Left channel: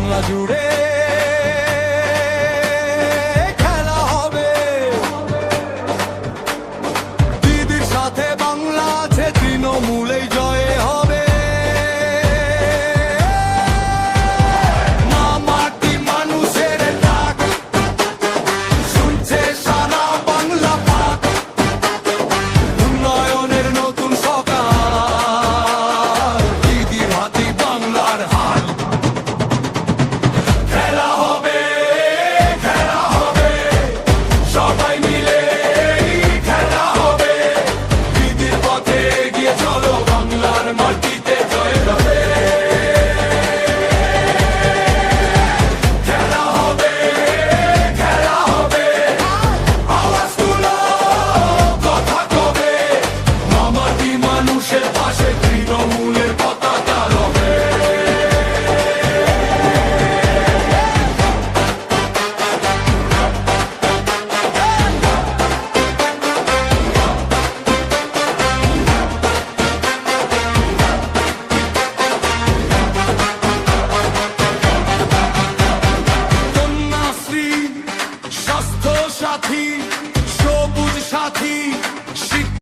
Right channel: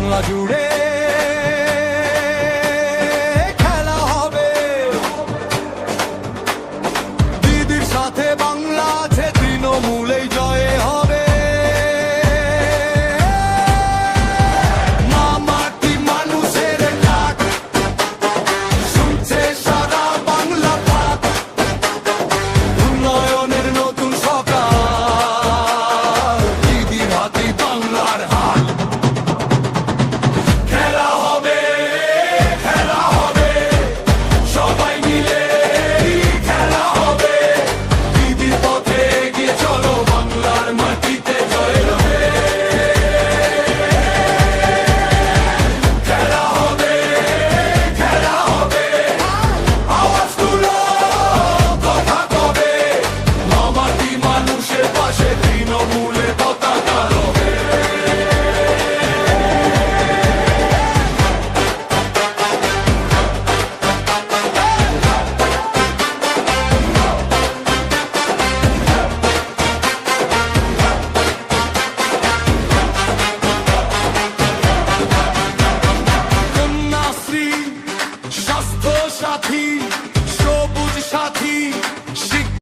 বাংলা জুড়ে খেলা হবে। দিদির সাথে বাংলা আছে, তৃণমূলেই জয় হবে। মা মাটি মানুষের ডাক শুনছে সারা বাংলা পাক, উন্নয়নের নতুন সকাল, দিদির হাতে বাংলার হাল। খেলা হবে, খেলা হবে, সবাই মিলে খেলা হবে। দিদির পথে এগিয়ে চলো, বাংলার মাটিতে জয় হবে। খেলা হবে, খেলা হবে, আওয়াজ তুলো, কথা কবে। মা মাটি মানুষের পাশে, তৃণমূলের পতাকা রবে। কন্যাশ্রী, স্বাস্থ্য সাথী, সবুজ সাথী,